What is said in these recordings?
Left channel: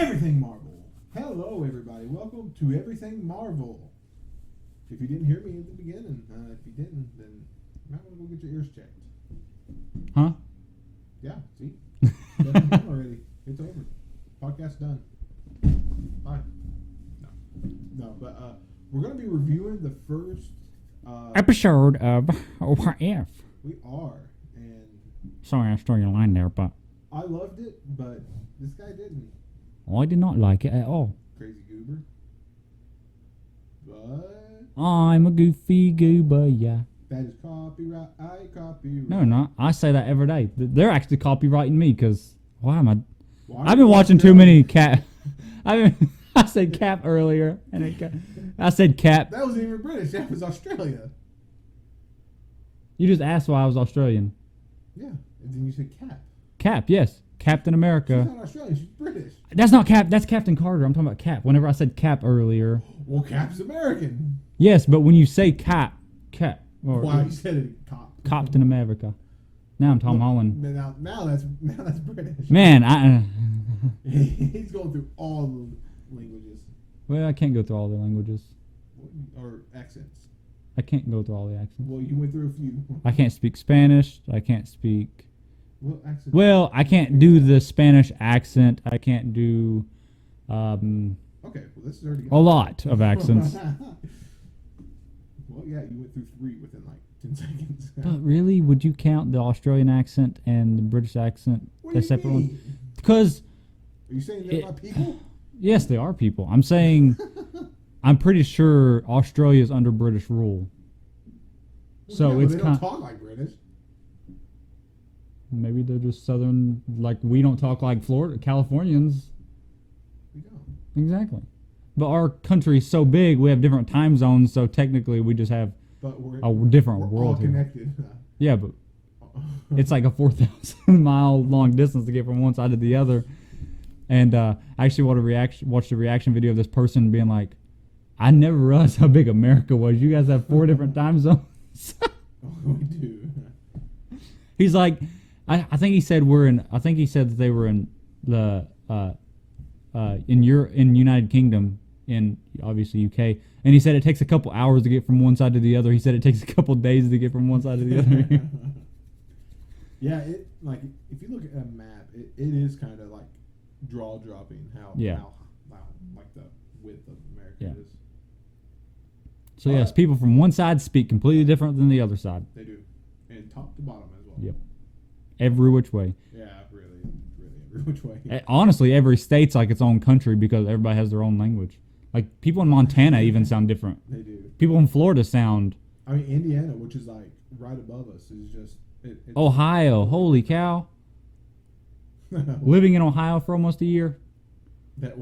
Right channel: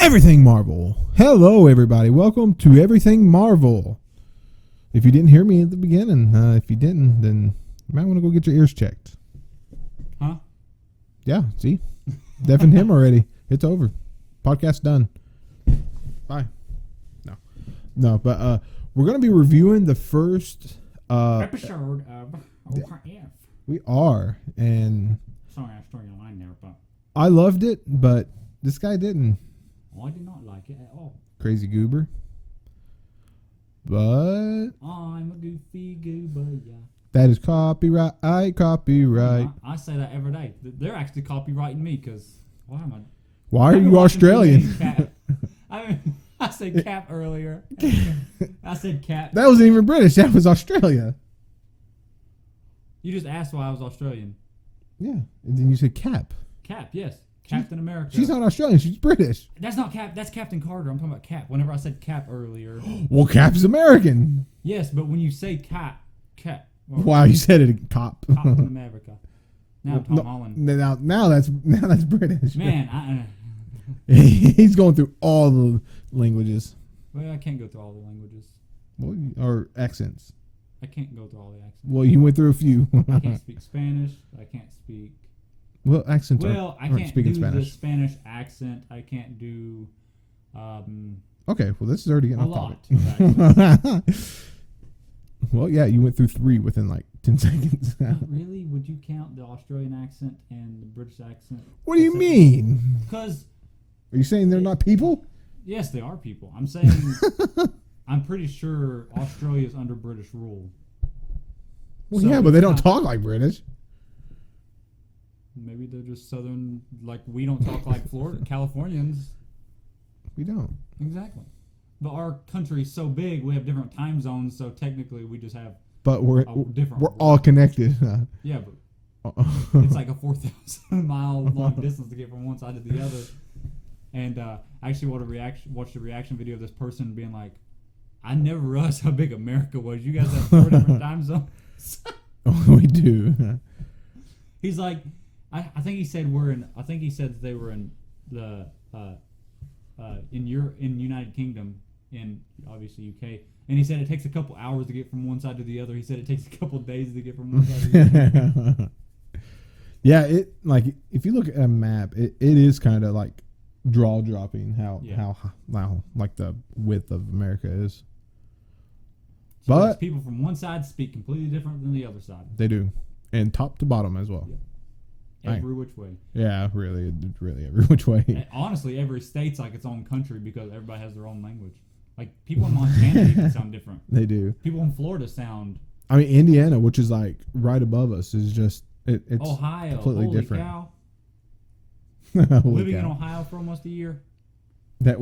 Everything Marvel. Hello, everybody. Welcome to Everything Marvel. If you didn't hear me at the beginning, if you didn't, then you might want to go get your ears checked. Huh? Yeah, see? Deafened him already. It's over. Podcast done. Bye. No, but we're going to be reviewing the first... Episode of What If. We are, and... Sorry, I stole your line there, but... I loved it, but this guy didn't. I did not like it at all. Crazy goober. But... I'm a goofy goober, yeah. That is copyright. No, I say that every day. They're actually copyrighting me, because... Why am I... Why I've are been you watching too Australian? many Cap... I said Cap earlier. I said Cap. That wasn't even British. That was Australia. You just asked why I was Australian. Yeah. And then you said Cap. Cap, yes. Captain America. She's not Australian. She's British. That's not Cap. That's Captain Carter. I'm talking about Cap. Whenever I said Cap earlier. Well, Cap's American. Yes, but when you say Cap. Wow, you said it. Cop. Captain America. Now I'm Tom Holland. Now that's British. Man, He's going through all the languages. well, I can't go through all the languages. Or accents. I can't go through all the accents. Well, you went through a few. I can't speak Spanish. I can't speak. Well, accents. Well, I can't do the Spanish accent. I can't do Okay, well, this is already a lot of accents. Well, yeah, you went through 3 within like 10 seconds. Really? Would you count the Australian accent and the British accent? What do you mean? Because Are you saying they're not people? yes, they are people. I'm saying I'm pretty sure Australia is under British rule. Well, yeah, but it's they don't not- talk like British. Maybe they're just southern, like we don't talk like Florida, Californians. We don't. Exactly. But our country is so big, we have different time zones, so technically we just have But we're different We're world all here. connected. Yeah, but it's like a 4,000 mile long distance to get from one side to the other. And I actually watched a reaction video of this person being like, I never realized how big America was. You guys have 4 different time zones. We do. He's like, I think he said that they were in the in United Kingdom, in obviously UK, and he said it takes a couple hours to get from one side to the other. He said it takes a couple days to get from one side to the other. Yeah, it like if you look at a map, it is kind of like draw dropping how like the width of America is. So yes, people from one side speak completely different than the other side. They do, and top to bottom as well. Yep. Every which way. Yeah, really every which way. Honestly, every state's like its own country because everybody has their own language. Like people in Montana even sound different. They do. People in Florida sound. I mean, Indiana, which is like right above us, is just it's Ohio. Holy different. cow! Living in Ohio for almost a year. That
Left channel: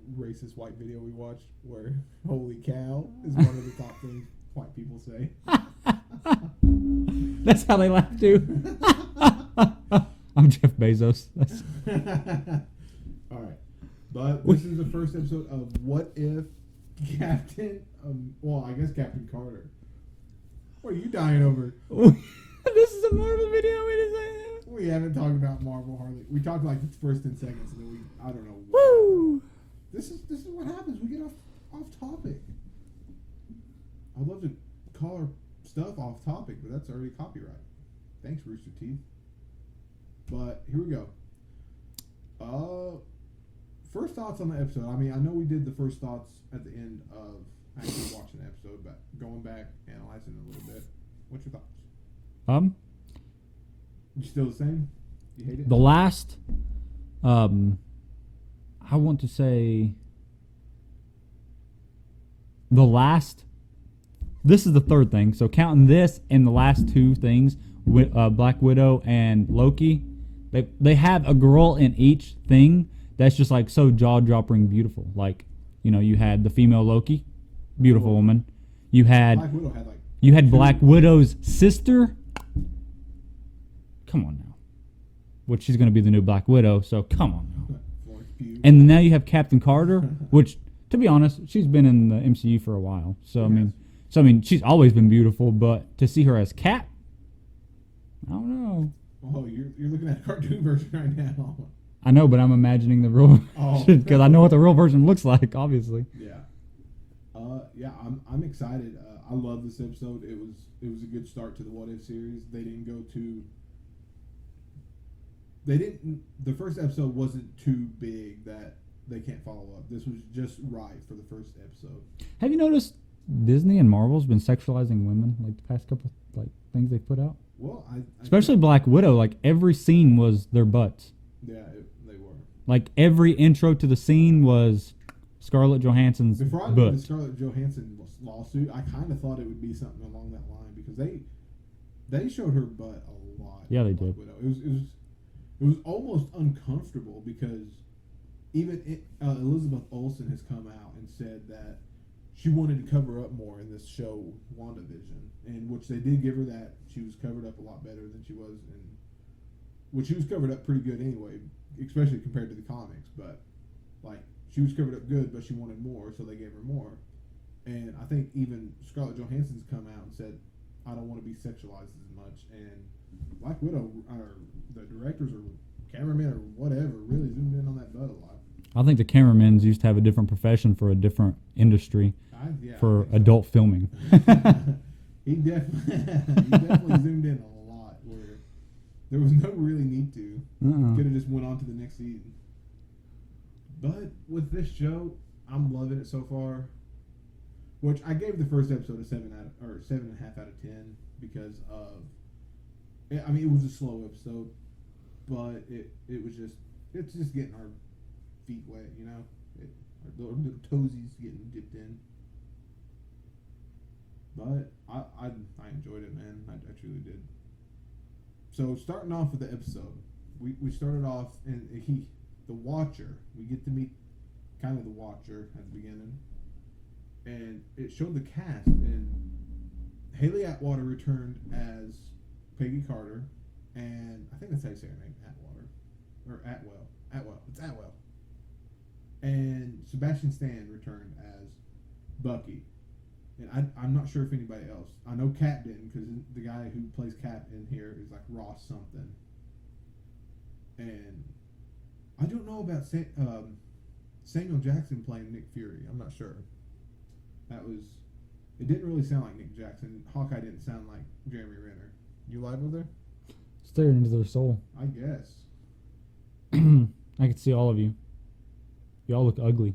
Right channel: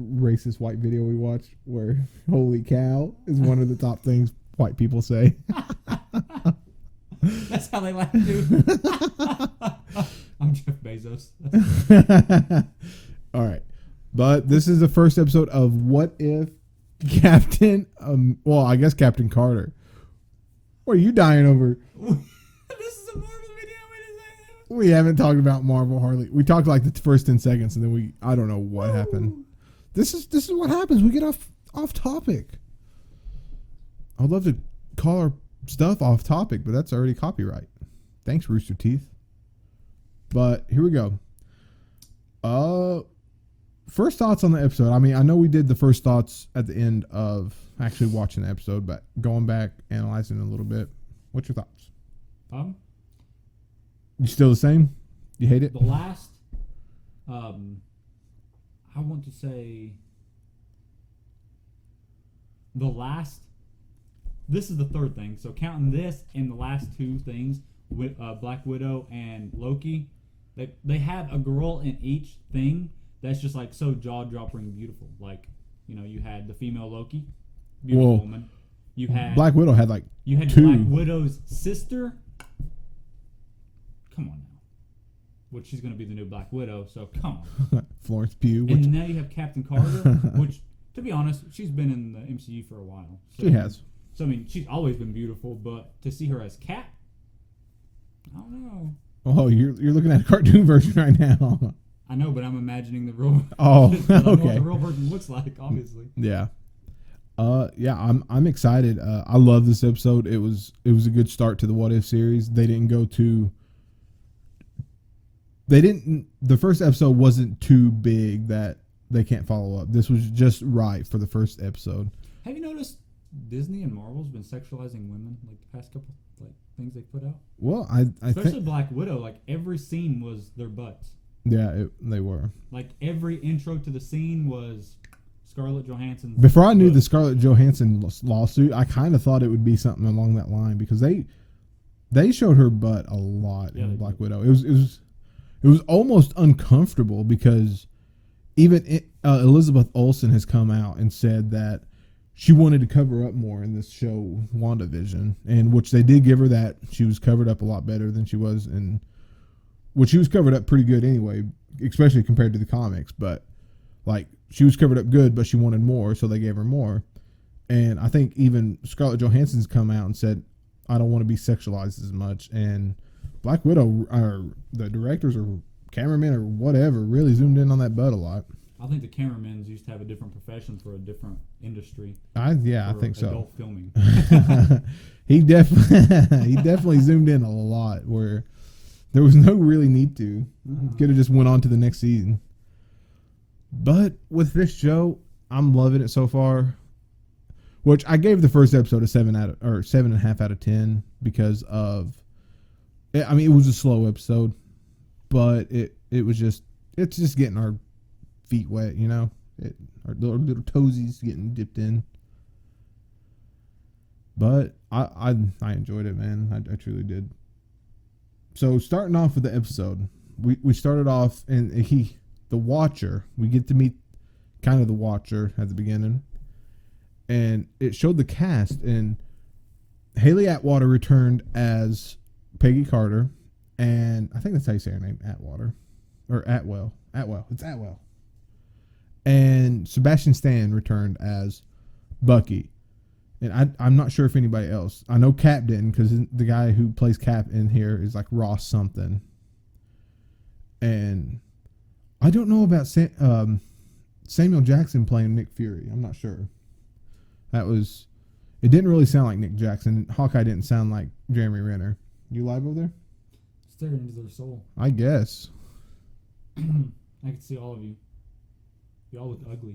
racist white video we watched, where "holy cow" is one of the top things white people say. That's how they laugh too. I'm Jeff Bezos. All right, but this is the first episode of What If Captain. Well, I guess Captain Carter. What are you dying over? This is a Marvel video. We haven't talked about Marvel hardly. We talked like the first 10 seconds, and then I don't know what happened. This is what happens. We get off topic. I would love to call our stuff off topic, but that's already copyright. Thanks, Rooster Teeth. But here we go. First thoughts on the episode. I mean, I know we did the first thoughts at the end of actually watching the episode, but going back, analyzing it a little bit. What's your thoughts? You still the same? You hate it? The last, I want to say, this is the third thing. So counting this and the last 2 things, with Black Widow and Loki, they have a girl in each thing that's just like so jaw-dropping beautiful. Like, you had the female Loki, beautiful woman. You had Black Widow had like Black Widow's sister. Come on now. Which she's going to be the new Black Widow, so come on. Florence Pugh. And now you have Captain Carter, which, to be honest, she's been in the MCU for a while. So she has. So, I mean, she's always been beautiful, but to see her as Cap, I don't know. Oh, you're looking at a cartoon version right now. I know, but I'm imagining the real. Oh, because I know what the okay. real version looks like. Obviously. Yeah. Yeah, I'm excited. I love this episode. It was a good start to the What If series. The first episode wasn't too big that they can't follow up. This was just right for the first episode. Have you noticed Disney and Marvel's been sexualizing women like the past couple like things they put out? Well, Especially think, Black Widow, like every scene was their butts. yeah, they were. Like every intro to the scene was Scarlett Johansson's. Before I knew butt. the Scarlett Johansson lawsuit, I kind of thought it would be something along that line because they showed her butt a lot. Yeah, they in Black did. Widow. It was almost uncomfortable because even Elizabeth Olsen has come out and said that she wanted to cover up more in this show WandaVision, and which they did give her that. She was covered up a lot better than she was in, which she was covered up pretty good anyway, especially compared to the comics. But like she was covered up good, but she wanted more, so they gave her more. And I think even Scarlett Johansson's come out and said, "I don't want to be sexualized as much." And Black Widow, or the directors or cameramen or whatever, really zoomed in on that butt a lot. I think the cameramen's used to have a different profession for a different industry I for think adult filming. so. he definitely zoomed in a lot where there was no really need to. Could have just went on to the next season. But with this show, I'm loving it so far. Which I gave the first episode a 7.5 out of 10 because of. I mean, it was a slow episode, but it's just getting our feet wet, you know. Our little toesies getting dipped in. But I enjoyed it, man. I truly did. So starting off with the episode, we started off and the Watcher. We get to meet kind of the Watcher at the beginning, and it showed the cast, and Haley Atwater returned as Peggy Carter, and I think that's how you say her name, Atwater, or Atwell. It's Atwell. And Sebastian Stan returned as Bucky. And I'm not sure if anybody else. I know Cap didn't because the guy who plays Cap in here is like Ross something. And I don't know about Samuel Jackson playing Nick Fury. I'm not sure. It didn't really sound like Nick Jackson. Hawkeye didn't sound like Jeremy Renner. You live over there? Stare into their soul. I guess. I can see all of you. Y'all look ugly.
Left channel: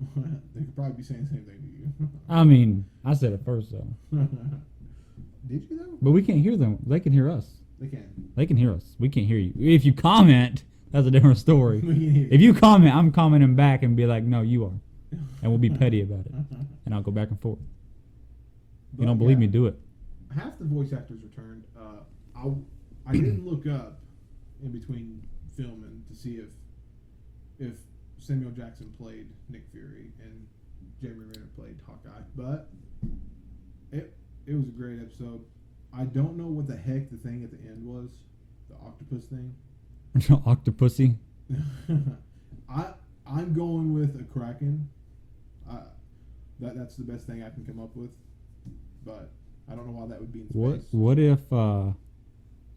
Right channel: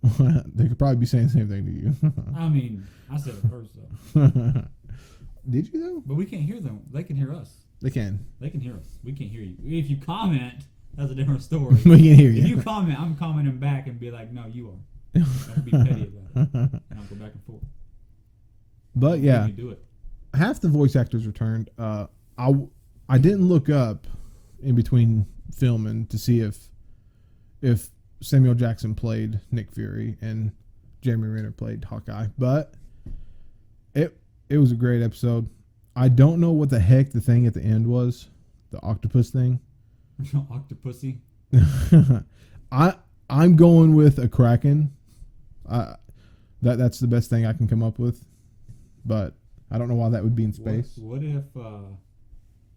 They could probably be saying the same thing to you. I mean, I said it first though. Did you though? But we can't hear them. They can hear us. They can. They can hear us. We can't hear you. If you comment, that's a different story. We can hear If you comment, I'm commenting back and be like, no, you are. And we'll be petty about it. And I'll go back and forth. You But don't believe yeah, me, do it. half the voice actors returned. I didn't look up in between filming to see if Samuel Jackson played Nick Fury and Jeremy Renner played Hawkeye, but it was a great episode. I don't know what the heck the thing at the end was, the octopus thing. Octopussy. I'm going with a kraken. That's the best thing I can come up with, but I don't know why that would be in space. What if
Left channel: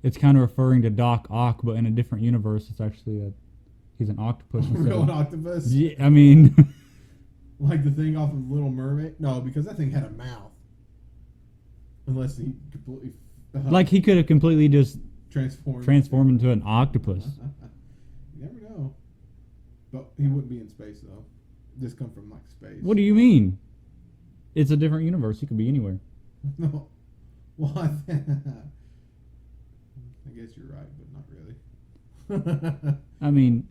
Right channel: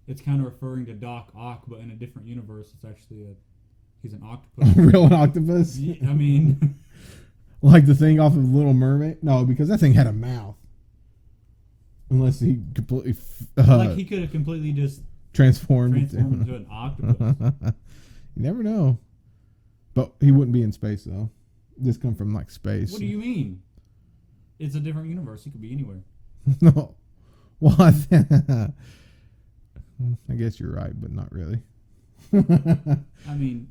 it's kind of referring to Doc Ock, but in a different universe, it's actually he's an octopus. Real octopus? Yeah, I mean, Like the thing off of Little Mermaid? No, because that thing had a mouth. Unless he completely like he could have completely just transformed into an octopus. You never know. But he wouldn't be in space though. This come from like space. What do you mean? It's a different universe. He could be anywhere. No. Well, I guess you're right, but not really. I mean,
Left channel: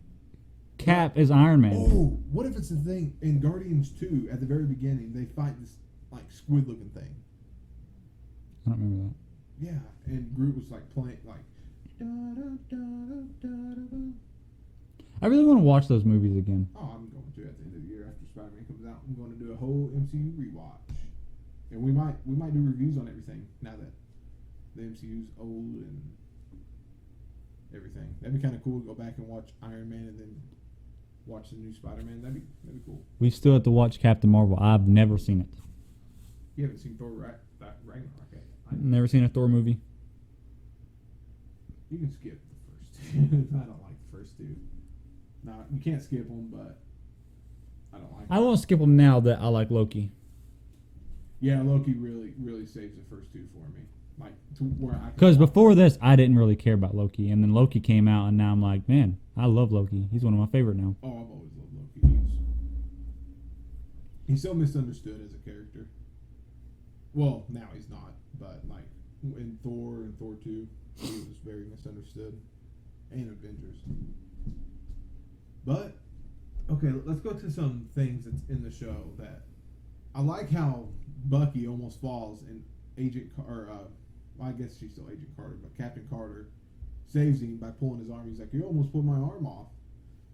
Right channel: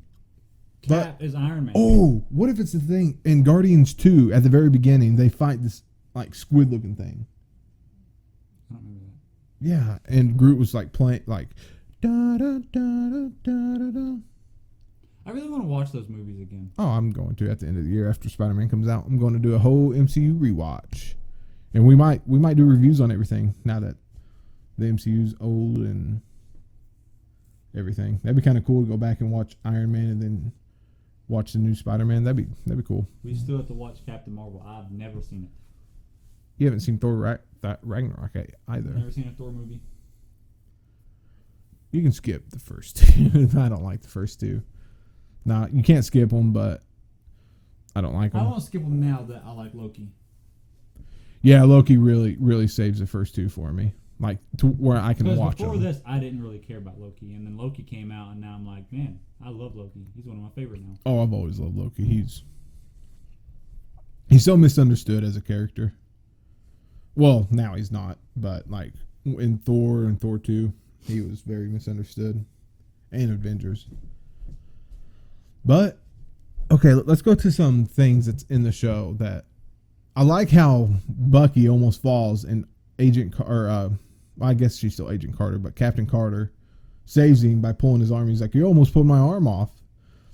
Cap is Iron Man. Oh, what if it's the thing in Guardians 2 at the very beginning? They fight this like squid-looking thing. I don't remember that. Yeah, and Groot was like playing like da da da da da da da. I really want to watch those movies again. Oh, I'm going to at the end of the year after Spider-Man comes out. I'm going to do a whole MCU rewatch, and we might do reviews on everything now that the MCU's old and everything. That'd be kind of cool to go back and watch Iron Man and then watch the new Spider-Man. That'd be cool. We still have to watch Captain Marvel. I've never seen it. You haven't seen Thor Ragnarok yet either. Never seen a Thor movie. You can skip the first two. I don't like the first two. Nah, you can't skip them, but I don't like I them. won't skip them now that I like Loki. Yeah, Loki really saves the first two for me. Like to where I can. Because watch before them. this, I didn't really care about Loki, and then Loki came out, and now I'm like, man, I love Loki. He's one of my favorite now. Oh, I've always loved Loki. He's so misunderstood as a character. Well, now he's not, but like in Thor and Thor 2, he was very misunderstood. And Avengers. But okay, let's go to some things that's in the show that I like. How Bucky almost falls and I guess she's still Agent Carter, but Captain Carter saves him by pulling his arm. He's like, "You almost pulled my arm off."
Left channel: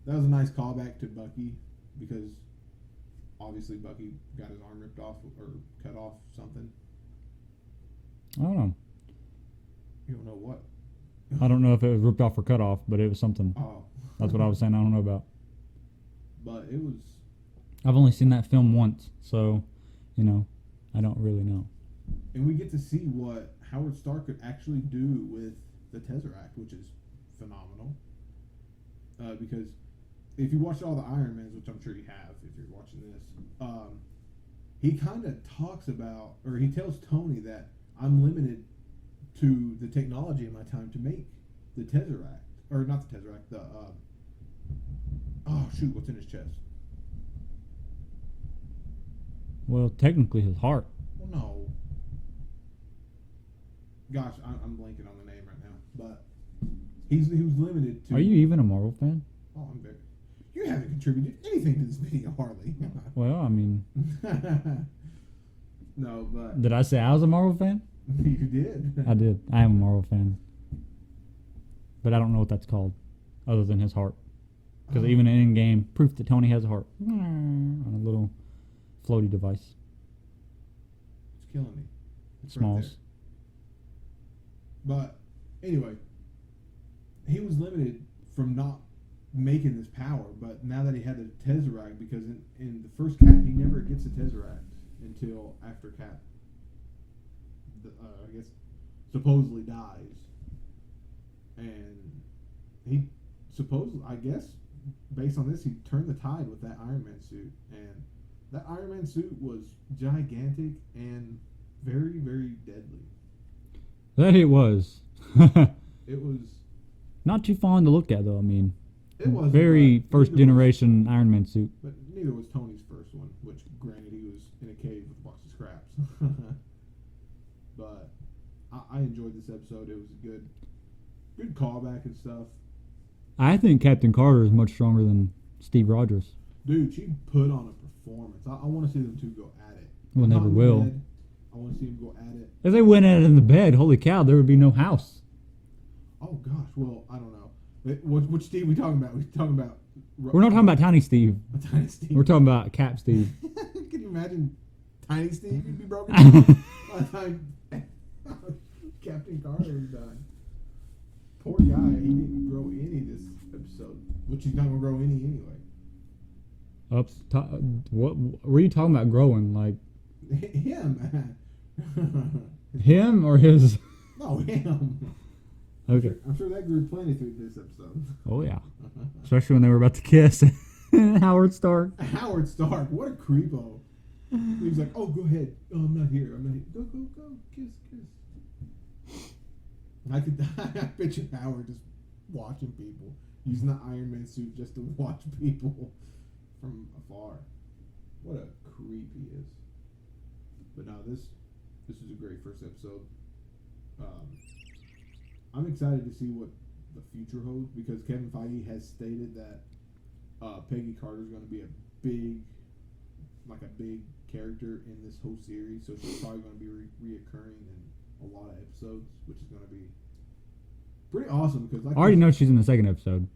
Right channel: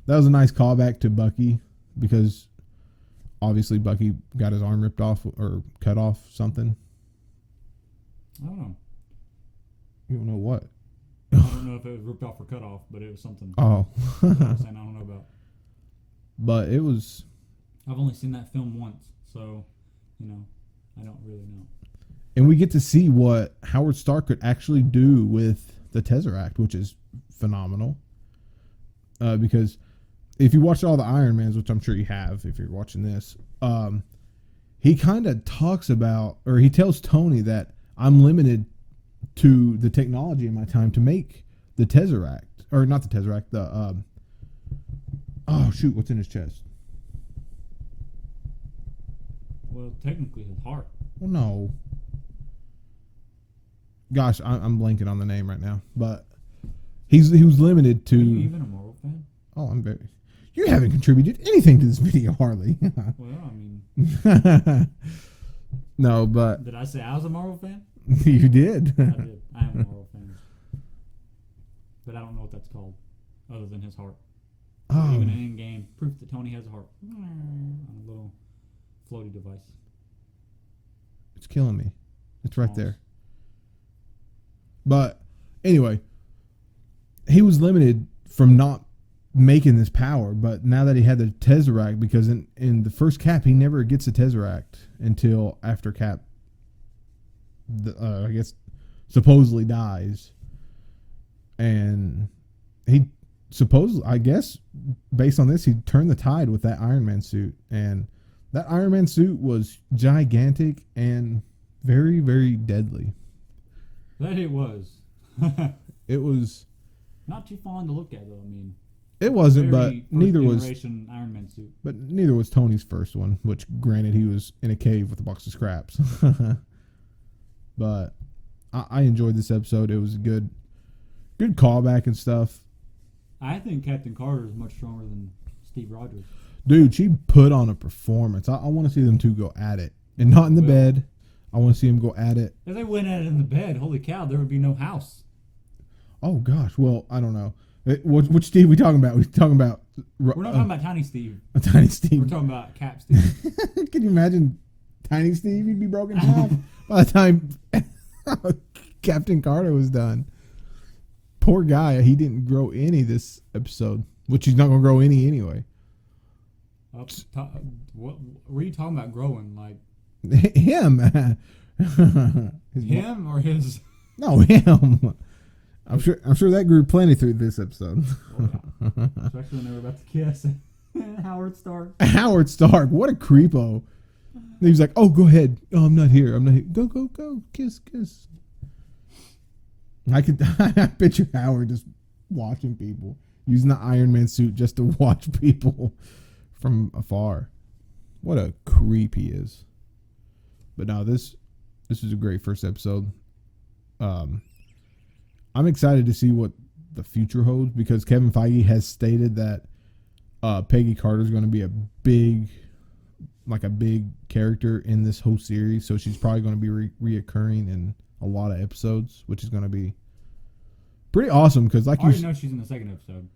That was a nice callback to Bucky because obviously Bucky got his arm ripped off or cut off something. I don't know. You don't know what? I don't know if it was ripped off or cut off, but it was something. Oh, That's what I was saying. I don't know about. but it was. I've only seen that film once, so I don't really know. And we get to see what Howard Stark could actually do with the Tesseract, which is phenomenal. Because if you watch all the Iron Mans, which I'm sure you have if you're watching this, he kind of talks about, or he tells Tony that I'm limited to the technology in my time to make the Tesseract. Or not the Tesseract, oh, shoot, what's in his chest? Well, technically his heart. Well, no. Gosh, I'm blanking on the name right now, but he was limited to. Are you even a Marvel fan? Oh, I'm very. You haven't contributed anything to this video, Harley. Well, I mean, No, but did I say I was a Marvel fan? you did. I did. I am a Marvel fan, but I don't know what that's called, other than his heart. 'Cause even in game, proof that Tony has a heart on a little floaty device. It's killing me. It's right Smalls. there. But anyway, he was limited from not making this power, but now that he had the Tesseract, because in the first Cap, he never gets the Tesseract until after Cap, I guess, supposedly dies. And he supposedly, I guess, based on this, he turned the tide with that Iron Man suit. And that Iron Man suit was gigantic and very, very deadly. That it was. It was. Not too fun to look at, though. I mean, It wasn't, very but first neither generation Iron Man suit. But neither was Tony's first one, which granted he was in a cave with a box of scraps. But I enjoyed this episode. It was a good callback and stuff. I think Captain Carter is much stronger than Steve Rogers. Dude, she put on a performance. I want to see them two go at it. Well, And not in they the will. bed. I want to see them go at it. If they went at it in the bed, holy cow, there would be no house. Oh, gosh. Well, I don't know. Which Steve we talking about? We talking about... We're not talking about Tiny Steve. Tiny Steve. We're talking about Cap Steve. Can you imagine Tiny Steve? He'd be broken off by the time Captain Carter was done. Poor guy. He didn't grow any this episode, which he's not going to grow any anyway. What were you talking about growing? Like Him. him or his? No, him. I'm sure that grew plenty through this episode. Oh yeah, especially when they were about to kiss. Howard Stark. Howard Stark, what a creepo. He was like, "Oh, go ahead. Oh, I'm not here. I'm not here. Go, go, go. Kiss, kiss." I picture Howard just watching people, using the Iron Man suit just to watch people from afar. What a creep he is. But no, this is a great first episode. I'm excited to see what the future holds because Kevin Feige has stated that Peggy Carter is going to be a big character in this whole series. So she's probably going to be reoccurring in a lot of episodes, which is going to be pretty awesome. Because I already know she's in the second episode.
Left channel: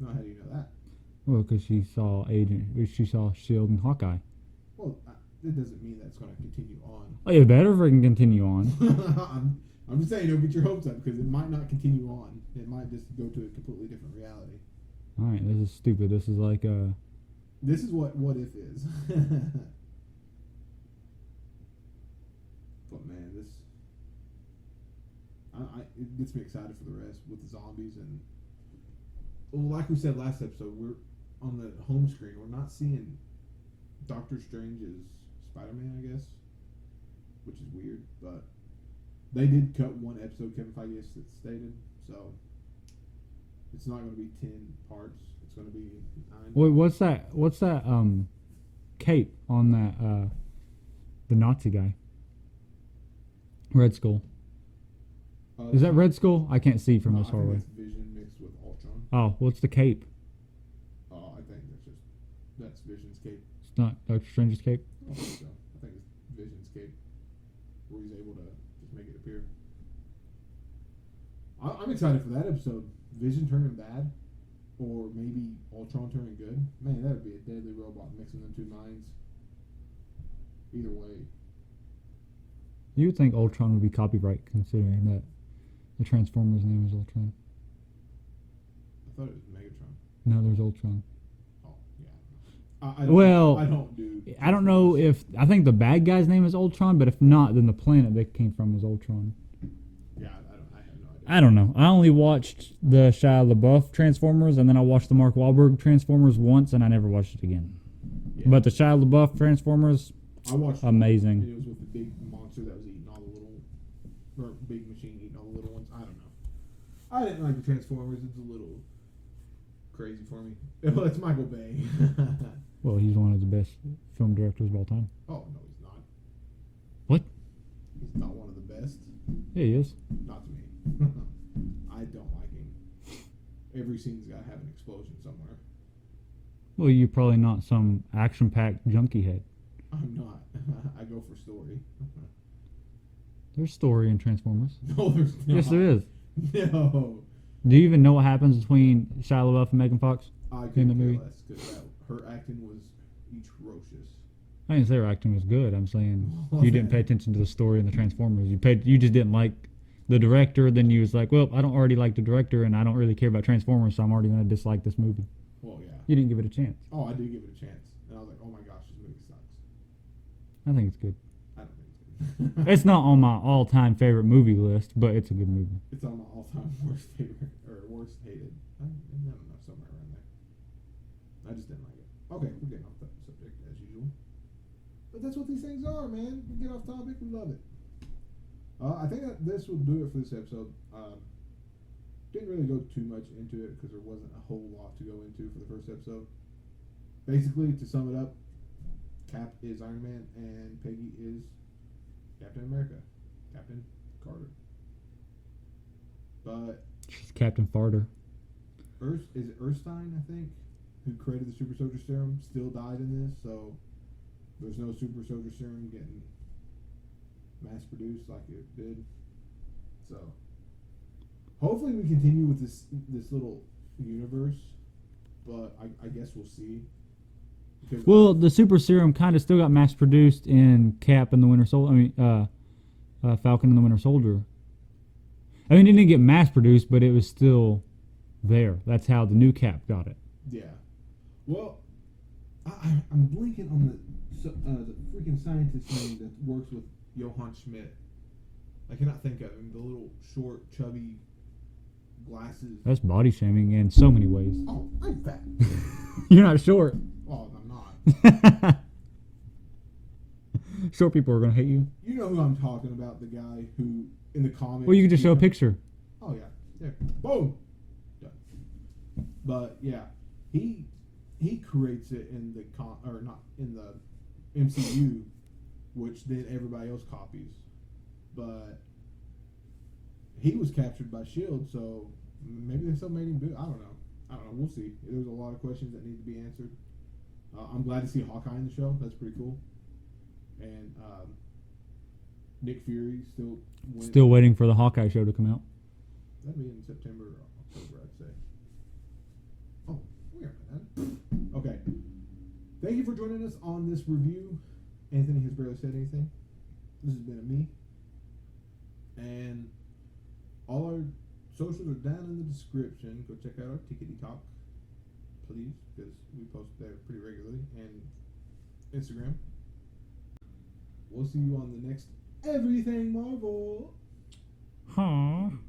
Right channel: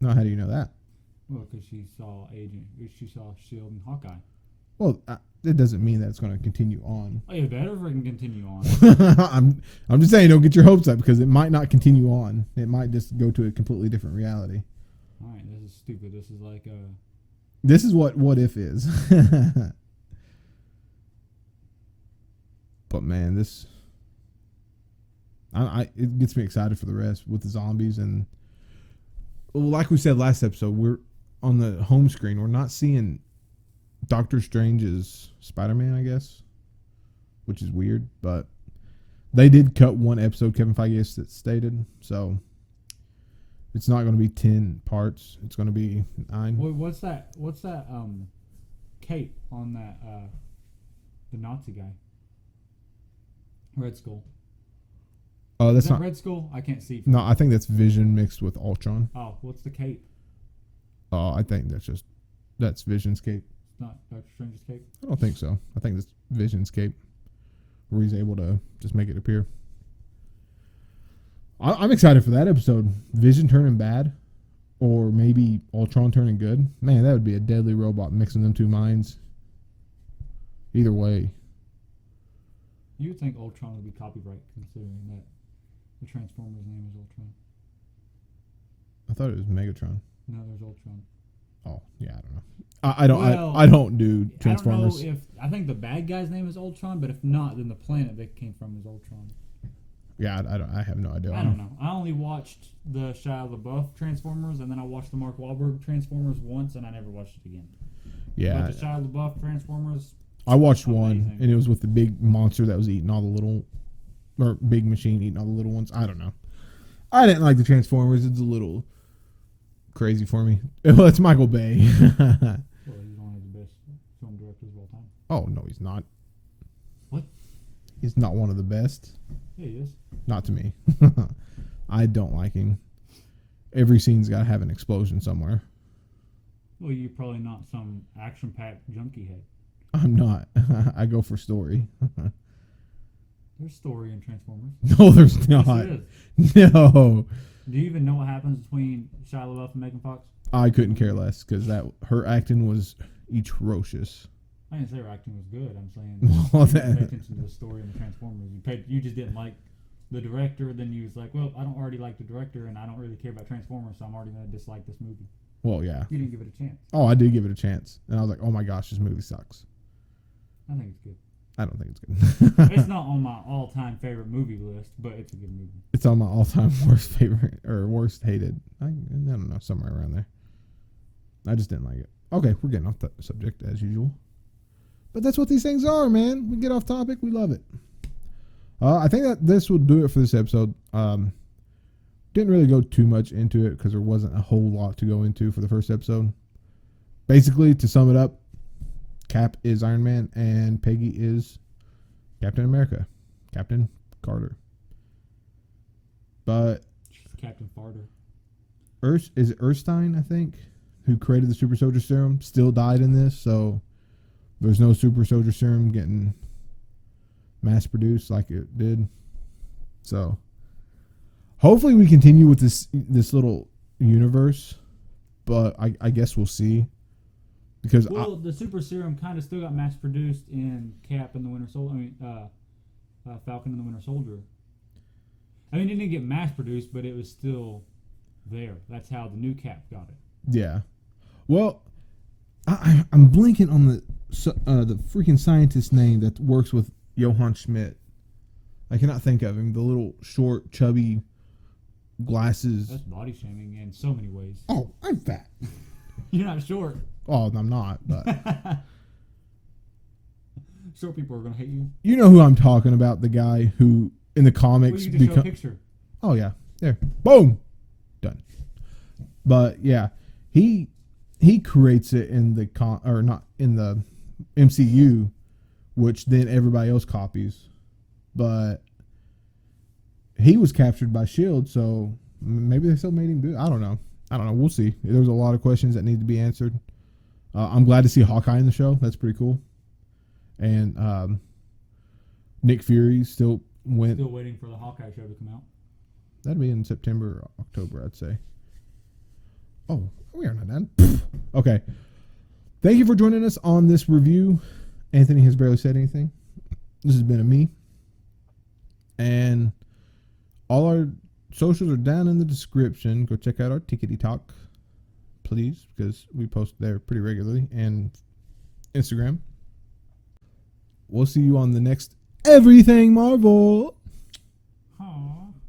No, how do you know that? Well, because she saw Shield and Hawkeye. Well, it doesn't mean that it's going to continue on. Oh, you better freaking continue on. I'm just saying, don't get your hopes up because it might not continue on. It might just go to a completely different reality. All right, this is stupid. This is like This is what if is. But man, it gets me excited for the rest with the zombies and like we said last episode, we're on the home screen. We're not seeing Doctor Strange's Spider-Man, I guess, which is weird, but they did cut one episode. Kevin Feige has stated so. It's not going to be 10 parts. It's going to be 9. Wait, what's that? Cape on that? The Nazi guy. Red Skull. Oh, Is that's that not, Red Skull? I can't see from. no. this I think photo. that's Vision mixed with Ultron. Oh, what's the cape? Oh, I think that's Vision's cape. It's not Doctor Strange's cape. I don't think so. I think it's Vision's cape, where he's able to just make it appear. I'm excited for that episode. Vision turning bad, or maybe Ultron turning good. Man, that would be a deadly robot mixing them two minds. Either way. You would think Ultron would be copyright, considering that the Transformers' name is Ultron. I thought it was Megatron. No, there's Ultron. Oh, yeah, I don't know. I don't. Well, I don't do. I don't know Transformers. I think the bad guy's name is Ultron, but if not, then the planet they came from is Ultron. Yeah, I have no idea. I don't know. I only watched the Shia LaBeouf Transformers, and then I watched the Mark Wahlberg Transformers once, and I never watched it again. Yeah, But the Shia LaBeouf Transformers, I watched amazing. one, and it was with the big monster that was eating all the little, or big machine eating all the little ones. I don't know. I didn't like the Transformers. It's a little crazy for me. Well, it's Michael Bay. well, he's one of the best film directors of all time. Oh no, he's not. What? He's not one of the best. Yeah, he is. Not to me. I don't like him. Every scene's got to have an explosion somewhere. Well, you're probably not some action-packed junkie head. I'm not. I go for story. There's story in Transformers. No, there's Yes, not. there is. No. Do you even know what happens between Shia LaBeouf and Megan Fox? I couldn't care movie. less because her acting was atrocious. I didn't say her acting was good. I'm saying Well, you didn't pay that- attention to the story and the Transformers. You just didn't like the director. Then you was like, well, I don't already like the director, and I don't really care about Transformers, so I'm already going to dislike this movie. Well, yeah. You didn't give it a chance. Oh, I did give it a chance, and I was like, "Oh my gosh, this movie sucks." I think it's good. I don't think it's good. It's not on my all-time favorite movie list, but it's a good movie. It's on my all-time worst favorite or worst hated. I don't know, somewhere around there. I just didn't like it. Okay, we're getting off the subject as usual, but that's what these things are, man. We get off topic, we love it. I think that this will do it for this episode. Didn't really go too much into it because there wasn't a whole lot to go into for the first episode. Basically, to sum it up, Cap is Iron Man and Peggy is Captain America, Captain Carter. But Captain Farter. is it Erskine, I think, who created the Super Soldier Serum, still died in this, so there's no Super Soldier Serum getting mass produced like it did. So hopefully we continue with this little universe, but I guess we'll see. Because Well, the Super Serum kind of still got mass-produced in Cap and the Winter Soldier. I mean, Falcon and the Winter Soldier. I mean, it didn't get mass-produced, but it was still there. That's how the new Cap got it. yeah. Well, I'm blinking on the freaking scientist name that works with Johann Schmidt. I cannot think of him. The little short, chubby glasses. That's body shaming in so many ways. Oh, I'm fat. You're not short. Oh, I'm not. But Short people are going to hate you. you know who I'm talking about? The guy who in the comics. Well, you can just show a picture. Oh yeah, there, boom, done. But yeah, he creates it in the or not in the MCU, which then everybody else copies. But he was captured by Shield, so maybe they still made him good. I don't know. We'll see. There's a lot of questions that need to be answered. I'm glad to see Hawkeye in the show. That's pretty cool. And Nick Fury still went. Still waiting for the Hawkeye show to come out. That'd be in September or October, I'd say. Oh, we are not done. Okay. Thank you for joining us on this review. Anthony has barely said anything. This has been a me. And all our socials are down in the description. Go check out our Tickety Talk, please, because we post there pretty regularly. And Instagram. We'll see you on the next Everything Marvel. Huh.